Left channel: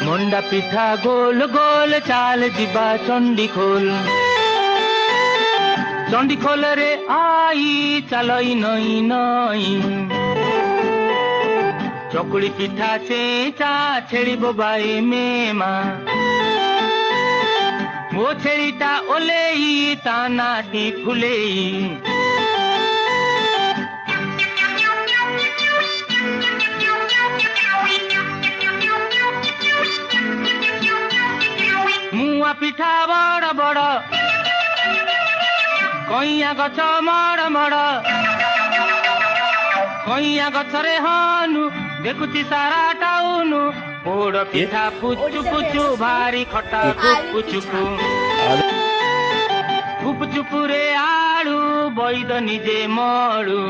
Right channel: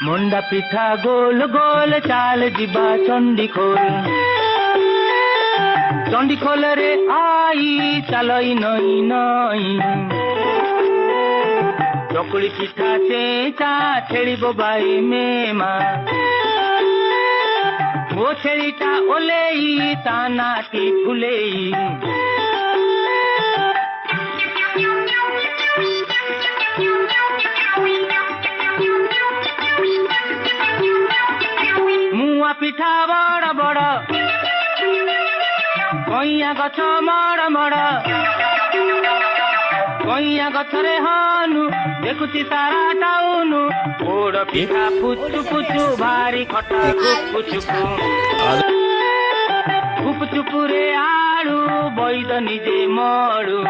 মন্ডা পিঠা গোল গোল চাল ଯିବା চণ্ডীখোল চণ্ডীখোলরে আই চালই নই নই চকুଳି পিঠা চেঁচা ଛେଳି ବୋବାଏ ମେମା ମୋ ଛେଳିଟା ଓଲେଇ ତା ନାଟି ଫୁଲେଇ মুয়া পিঠা বড় বড় কইয়া গছ মড় মড় কইয়া গছরে হনু দেখুছি সারা টাউনু পোড় পিঠা পুচু পুচু ভারি খটা চুপু চুপু চুপু চুপুরে আড়ু বৈদ নিজে মড়ু